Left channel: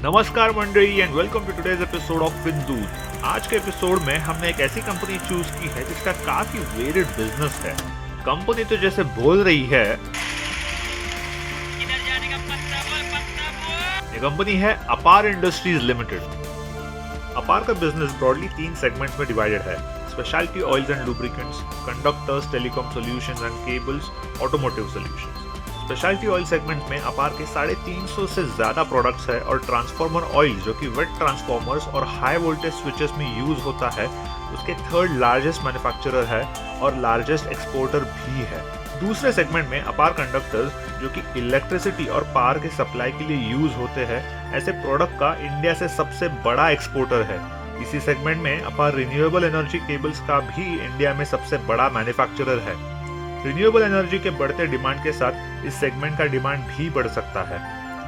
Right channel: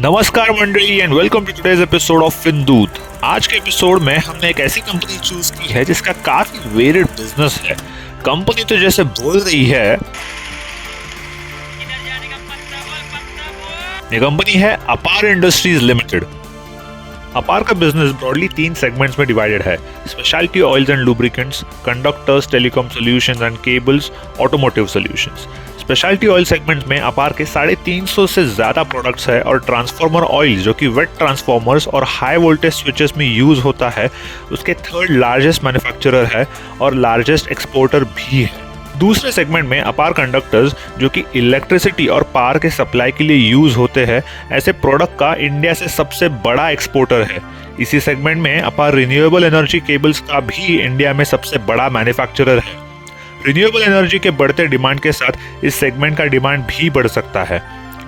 नमस्कार मंडली एंड welcome to today's episode of Findoot. आज के एपिसोड में हमने एक ऐसी कंपनी चूज की है जिसका काफी वेरिड बिजनेस है। कंपनी तो जैसे बोल रही है, ये कंपनी है अपार इंडस्ट्रीज लिमिटेड। अपार का बिजनेस ब्रॉडली 3 सेगमेंट्स में डिवाइडेड है: speciality oils and lubricants, conductors, telecom solutions and cables, automotive solutions. Speciality oil segment में अपार के 350 से ज्यादा प्रोडक्ट्स है और ट्रांसफार्मर ऑयल जो कि वेट ट्रांसफार्मर्स और हाई वोल्टेज स्विचेस में यूज होता है, उसके थर्ड लार्जेस्ट मैन्युफैक्चरर है और लार्जेस्ट एक्सपोर्टर भी है। दूसरे सेगमेंट में अपार कंडक्टर्स जो कि इलेक्ट्रिसिटी और पावर के सप्लाई के लिए यूज होते हैं, ऐसे प्रोडक्ट का इंडिया से सबसे बड़ा एक्सपोर्टर है। इसी सेगमेंट में अपार रिन्यूएबल एनर्जी केबल्स का भी इंडिया में सबसे बड़ा मैन्युफैक्चरर है। रिन्यूएबल एनर्जी के बढ़ते डिमांड के साथ इस सेगमेंट का डिमांड भी बढ़ सकता है।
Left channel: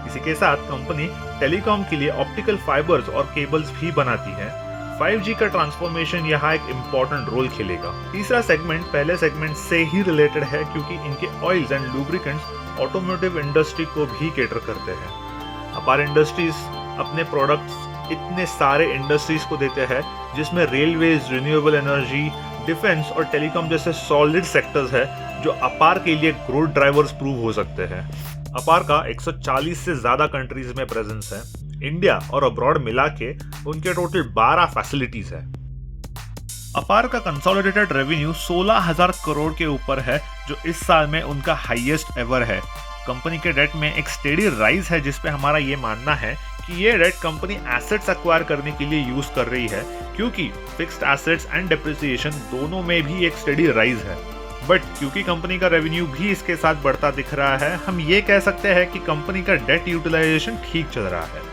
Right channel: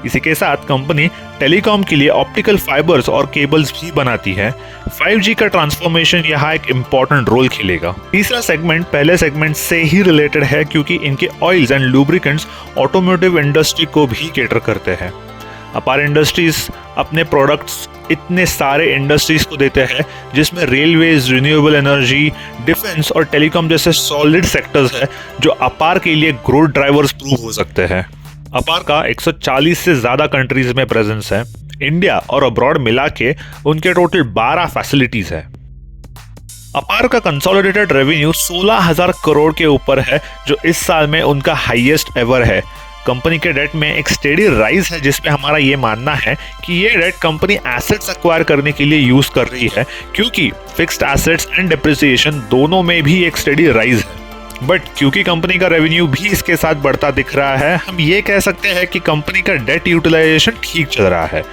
इसी के साथ कंपनी टेलीकॉम के लिए ऑप्टिकल फाइबर्स और केबल्स भी बनाती है। 5G का ट्रांसफॉर्मेशन यहाँ एक इम्पोर्टेंट रोल खेलेगा। तीसरा सेगमेंट पहले सेगमेंट से ही रिलेटेड है क्योंकि इनके oils and lubricants automotive industry को भी कैटर करते हैं। अपार इंडस्ट्रीज अपने प्रोडक्ट्स इतने सारे इंडस्ट्रीज को देते हैं जिसमें रेलवेज, रिन्यूएबल एनर्जी, डिफेंस और टेलीकॉम जैसे सॉलिड सेक्टर्स है जो अपार के लिए ग्रोथ ड्राइवर्स प्रूव हो सकते हैं। अपार का 140 से ज्यादा कंट्रीज में प्रेजेंस है। इंडिया और अब्रॉड मिला के उनके टोटल 12 फैसिलिटीज है। अपार का कंसोलिडेटेड रेवेन्यू 16,000 करोड़ के ऊपर है जो इस साल में उनका हाईएस्ट एवर है। कंपनी के डेट में एक स्टेडी राइज है जिसपे हमारा ये मानना है कि ये डेट कंपनी एसेट्स एक्वायर करने के लिए यूज कर रही है क्योंकि फिक्स्ड एसेट्स एंड डेप्रिसिएशन दोनों में भी एक स्टेडी राइज है। बट क्योंकि कंपनी का रेवेन्यू भी इसके साथ बढ़ता दिख रहा है, हम ये कह सकते हैं कि कंपनी का डेट यूटिलाइजेशन ठीक चल रहा है।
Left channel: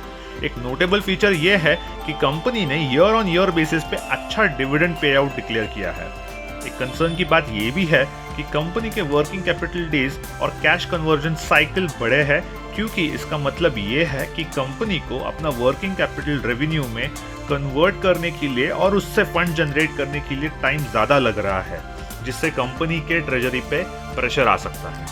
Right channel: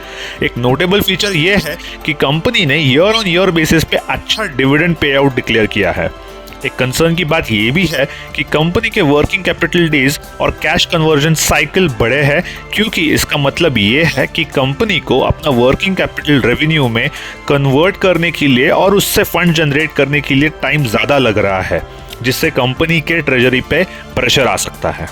एक नोटेबल फीचर ये है कि कंपनी ने ईयर ऑन ईयर बेसिस पे अच्छा डिविडेंड पे आउट डिक्लेयर किया है। एक कंसर्न की बात ये भी है कि कंपनी के वर्किंग कैपिटल डेज और कैश कन्वर्जन साइकिल बड़े हैं क्योंकि इसका मतलब ये है कि कंपनी को अपना वर्किंग कैपिटल रेवेन्यू में कन्वर्ट करने के लिए और उससे फंड जनरेट करने के लिए टाइम ज़्यादा लग रहा है, जिससे कंपनी के ट्रेजरी पे प्रेशर आ सकता है।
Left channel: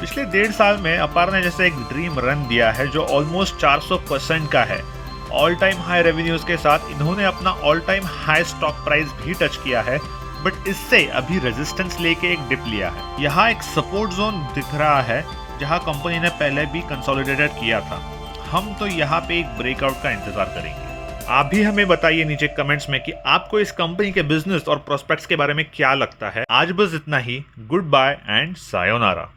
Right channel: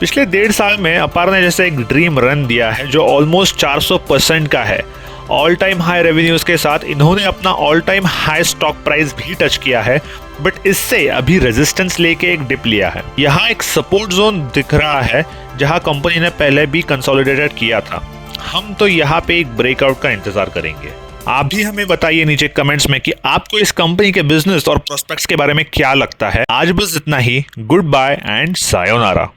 पिछले 1.5 साल में अपार ने जैसे एक ड्रीम रन दिया है जो ऑलमोस्ट 400% का है। ऑल टाइम हाई रेवेन्यूज के साथ इन्होंने अपना all time high stock price भी टच किया है, बट इससे अभी रेजिस्टेंस लेके एक डिप लिया है। यहाँ एक सपोर्ट जोन दिख रहा है जहाँ कंपनी ने पहले भी कंसोलिडेटेड किया था। हम तो यहाँ पे एक ब्रेकआउट का इंतजार करेंगे। आप भी हमें बताइए नीचे कमेंट्स में कि आपको इस कंपनी के बिजनेस और प्रोस्पेक्ट्स के बारे में क्या लगता है। आज बस इतना ही। Good bye and sayonara.